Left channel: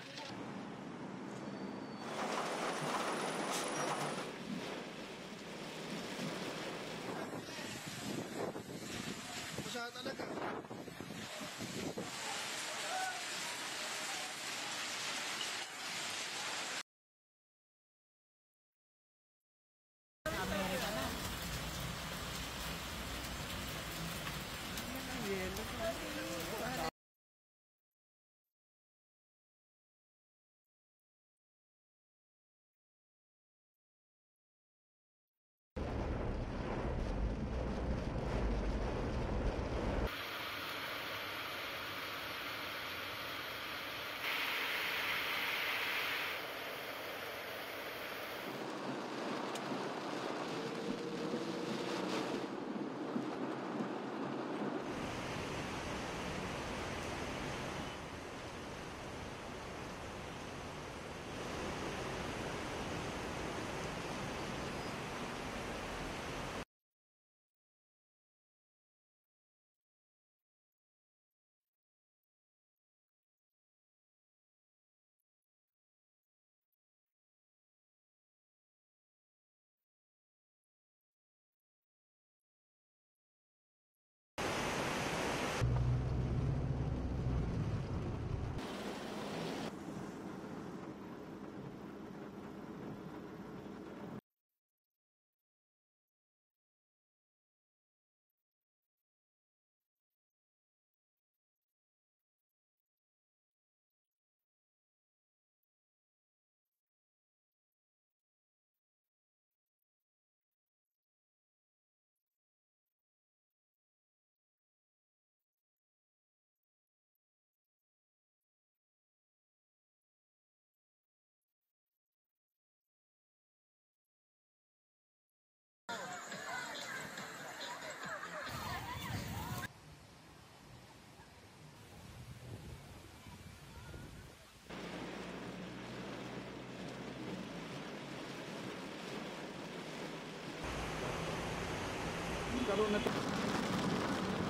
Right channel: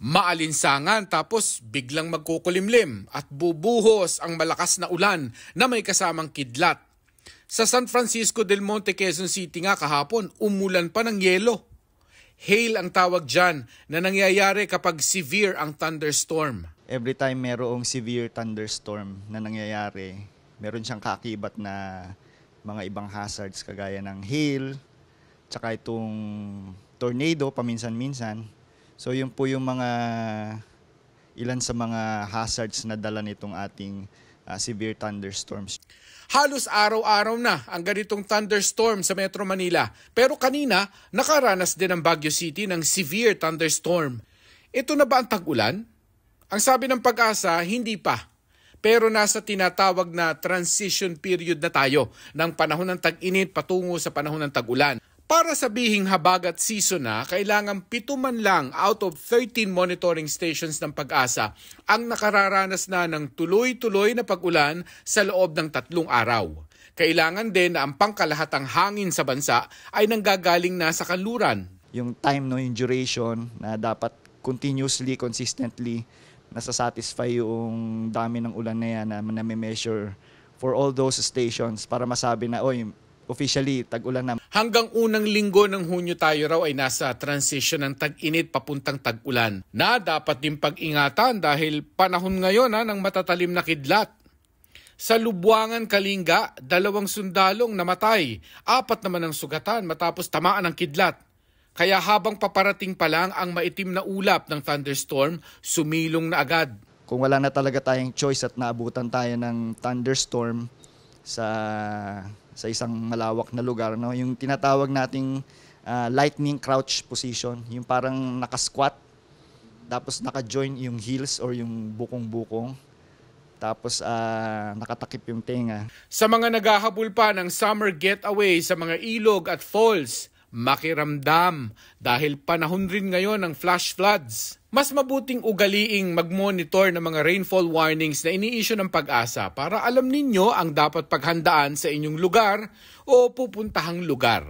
Maalinsangan tapos biglang magkukulimlim at bubuhos ang malakas na ulan na may kasamang kidlat. Sa San Francisco del Monte, Quezon City nga kahapon, umulan pa ng yelo. Hail ang tawag dyan na nangyayari kapag severe ang thunderstorm. Every time merong severe thunderstorm na nangyayari, meron siyang kakibat na mga ibang hazards kagaya ng hail, tsaka itong tornado paminsan-minsan. So yun po yung ilan sa mga hazards na dala nitong ating severe thunderstorms. Halos araw-araw na ang ganitong thunderstorm sa Metro Manila. Pero kanina, nakaranas din ang Baguio City ng severe thunderstorm. Ito na ba ang tag-ulan? Ang sabi ng Pag-asa, hindi pa. Pero nasa tinatawag na transition period na tayo ng panahon ng tag-init patungo sa panahon ng tag-ulan. Para sabihing habagat season na, kailangan 7 man lang out of 13 monitoring stations ng Pag-asa ang nakararanas na ng tuloy-tuloy na pag-ulan sa loob ng 3 araw. Kailangan din na ang pangkalahatang hangin sa bansa ay nanggagaling na sa kanluran. Yung time, yung duration na dapat continuously, consistently nasasatisfy yung dami ng ulan na yan na may-measure for all those stations para masabi na, officially, tag-ulan na. Hanggang unang linggo ng Hunyo tayo raw ay nasa transition ng tag-init papuntang tag-ulan na dapat din pag-ingatan dahil panahon ngayon ng matatalim na kidlat. Sa Lubuangan, Kalinga, 2 sundalong namatay, 4 naman ang sugatan matapos tamaan ng kidlat. Kaya habang paparating pa lang ang maitim na ulap ng thunderstorm, sumilong na agad. Kung wala na talaga tayong choice at naabutan tayo ng thunderstorm sa isang malawak na lugar, yung tinatawag nating lightning crouch position, yung parang nakasquat, tapos naka-join yung heels or yung bukong-bukong, tapos nakatakip yung tenga. Sa mga naghahabol pa ng summer getaway sa mga ilog at falls, makiramdam dahil panahon rin ngayon ng flash floods. Mas mabuting ugaliing mag-monitor ng mga rainfall warnings na ini-issue ng Pag-asa para alam ninyo ang dapat paghandaan sa inyong lugar o pupuntahang lugar.